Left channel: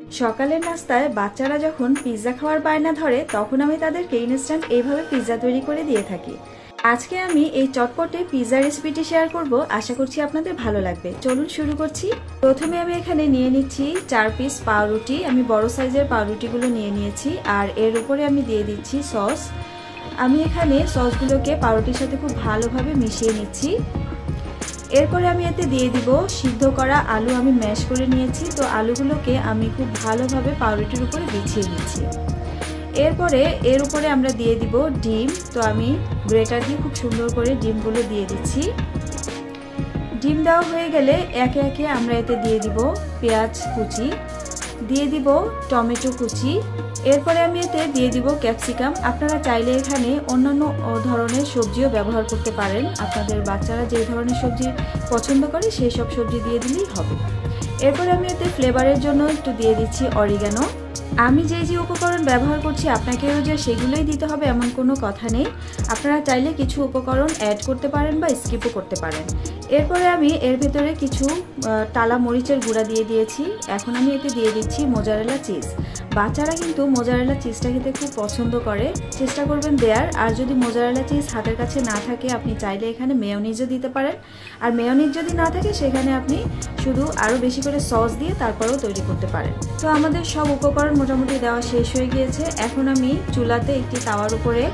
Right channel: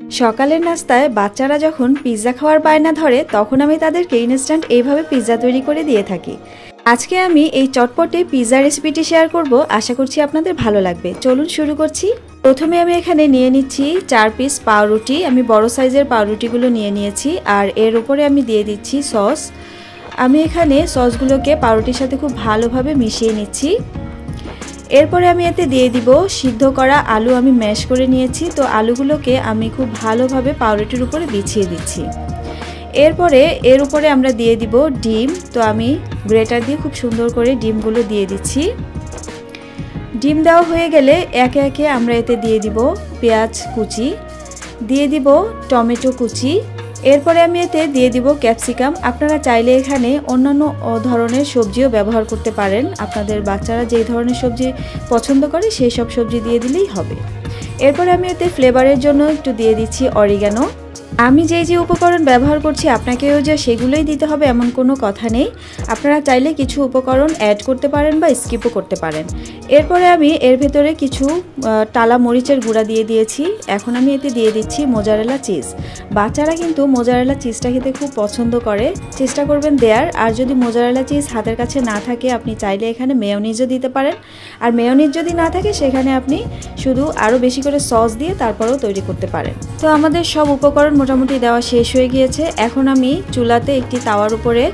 সকালের নাস্তায় বাচ্চারা যখন পিৎজা খাওয়ার বায়না ধরে তখন আমি তাদেরকে ইনস্ট্যান্ট এইভাবে পিৎজা তৈরি করে দিয়ে থাকি। আজকে আমি এই চটপটে পিৎজা রেসিপিটি শেয়ার করব, আশা করছি আপনাদের ভালো লাগবে। চলুন শুরু করছি। প্রথমে আমি এখানে নিয়ে নিচ্ছি 4 পিস পাউরুটি। আমি বড় সাইজের পাউরুটিগুলো নিয়ে নিয়েছি, আর এর উপরে আমি দিয়ে দিচ্ছি সস। আমি এখানে সসগুলোকে পাউরুটির সাথে খুব ভালোভাবে মিশিয়ে নিচ্ছি। এরপরে আমি এতে দিয়ে দিব সিদ্ধ করা আলু। আমি ম্যাশ করে নিয়েছি, তো আলুগুলোকে আমি খুব ভালোভাবে পাউরুটির উপরে বিছিয়ে দিচ্ছি। এরপরে এর উপরে আমরা দিয়ে দিব ডিম। তো আমি গ্রেটার দিয়ে খুব সুন্দর করে ডিমগুলো দিয়ে দিচ্ছি। ডিম দেওয়া হয়ে গেলে একে একে আমরা এতে দিয়ে দিব পেঁয়াজ কুচি, দিয়ে দিব টমেটো কুচি। এরপরে আমি এতে দিয়ে দিব ক্যাপসিকাম। আপনারা চাইলে এখানে অন্যান্য ধরনের সবজিও ব্যবহার করতে পারেন। আপনাদের বাচ্চারা যে ধরনের সবজি পছন্দ করে সেই সব সবজি দিয়ে দিলেই হবে। এরপরে আমি এতে ফ্লেভারের জন্য একটু দিয়ে দিচ্ছি অরিগানো। আমি যে উপকরণ ব্যবহার করছি আপনাকেও যে সেগুলোই দিতে হবে এমন কোনো কথা নেই। আপনারা চাইলে কিছু উপকরণ অ্যাড করতে পারেন বা স্কিপও করতে পারেন। এরপরে আমি এর ভেতরে কিছু টালা মরিচের গুঁড়া দিয়ে দিয়েছি। এখন আমি এতে দিয়ে দিচ্ছি মোজারেলা চিজ। বাচ্চারা কিন্তু মোজারেলা চিজটা খেতে খুব পছন্দ করে, চেষ্টা করবেন দেয়ার। আর যদি মোজারেলা চিজ হাতের কাছে না থাকে আপনি চাইলে এখানে মেয়োনিজও দিতে পারেন। আর মেয়োনিজ যদি না থাকে সেখানে আপনি শুধু আরও বেশি করে সস দিয়ে তারপরেও তৈরি করতে পারেন। তো আমাদের সব উপকরণ মোটামুটি দেওয়া শেষ হয়ে গিয়েছে। এখন আমি চুলাতে একটি তাওয়ার উপরে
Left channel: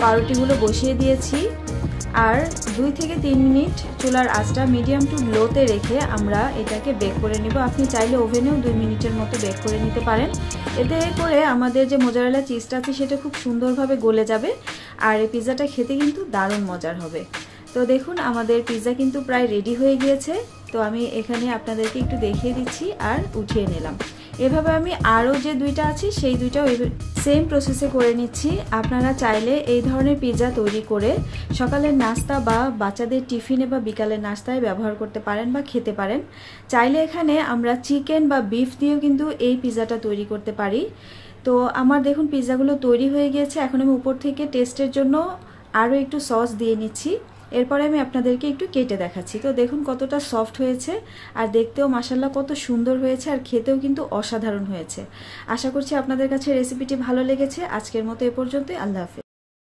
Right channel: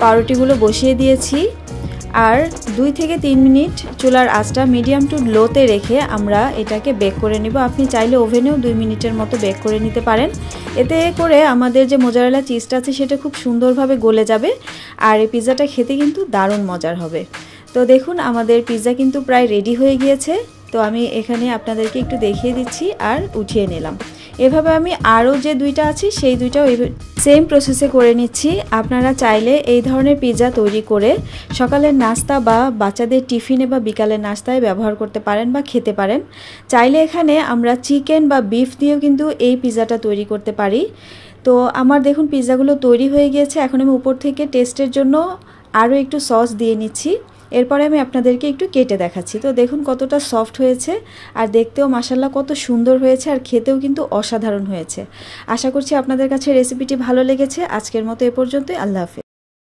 পাউরুটিগুলো বসিয়ে দিয়েছি, আর 2 থেকে 3 মিনিট চুলার আঁচটা মিডিয়াম টু লোতে রেখে আমরা এটাকে বেক করে নিব। আপনি চাইলে ওভেনেও 2 মিনিটের মতো বেক করে নিতে পারেন। এতে করে আমাদের যে মোজারেলা চিজটা আছে সেটা খুব সুন্দরভাবে গলে যাবে, আর এই পিৎজাটা খেতে কিন্তু দারুণ মজার হবে। তো দেখুন আমাদের পিৎজা কিন্তু প্রায় রেডি হয়ে গিয়েছে। তো আমি এখানে আপনাদেরকে একটু দেখিয়ে দিচ্ছি আর উঠিয়ে নিলাম। এভাবে আমি আরও যে 2টা আছে সেই 2টাও সেম প্রসেসে করে নিচ্ছি। আপনারা চাইলে এই ধরনের পিৎজা তৈরি করে সকালের নাস্তা বা বাচ্চাদের টিফিনে বা বিকালের নাস্তায় ব্যবহার করতে পারেন বা খেতে পারেন। চাইলে এখানে আমরা চিকেন বা বিফ দিয়েও কিন্তু এই পিৎজাটা তৈরি করতে পারি। তো আমার দেখুন পিৎজাগুলো তৈরি হয়ে গিয়েছে। এখন আমি উপর থেকে টেস্টের জন্য আরও একটু সস দিয়ে নিচ্ছি। এরপরে আমি আপনাদেরকে একটু কেটে দেখাচ্ছি। তো দেখুন কতটা সফট হয়েছে, আর দেখতেও মাশাআল্লাহ কত সুন্দর হয়েছে, আর খেতেও কিন্তু অসাধারণ হয়েছে। আশা করছি আপনাদের কাছে রেসিপিটি ভালো লেগেছে। আজকের মতো এ পর্যন্তই। আল্লাহ হাফেজ।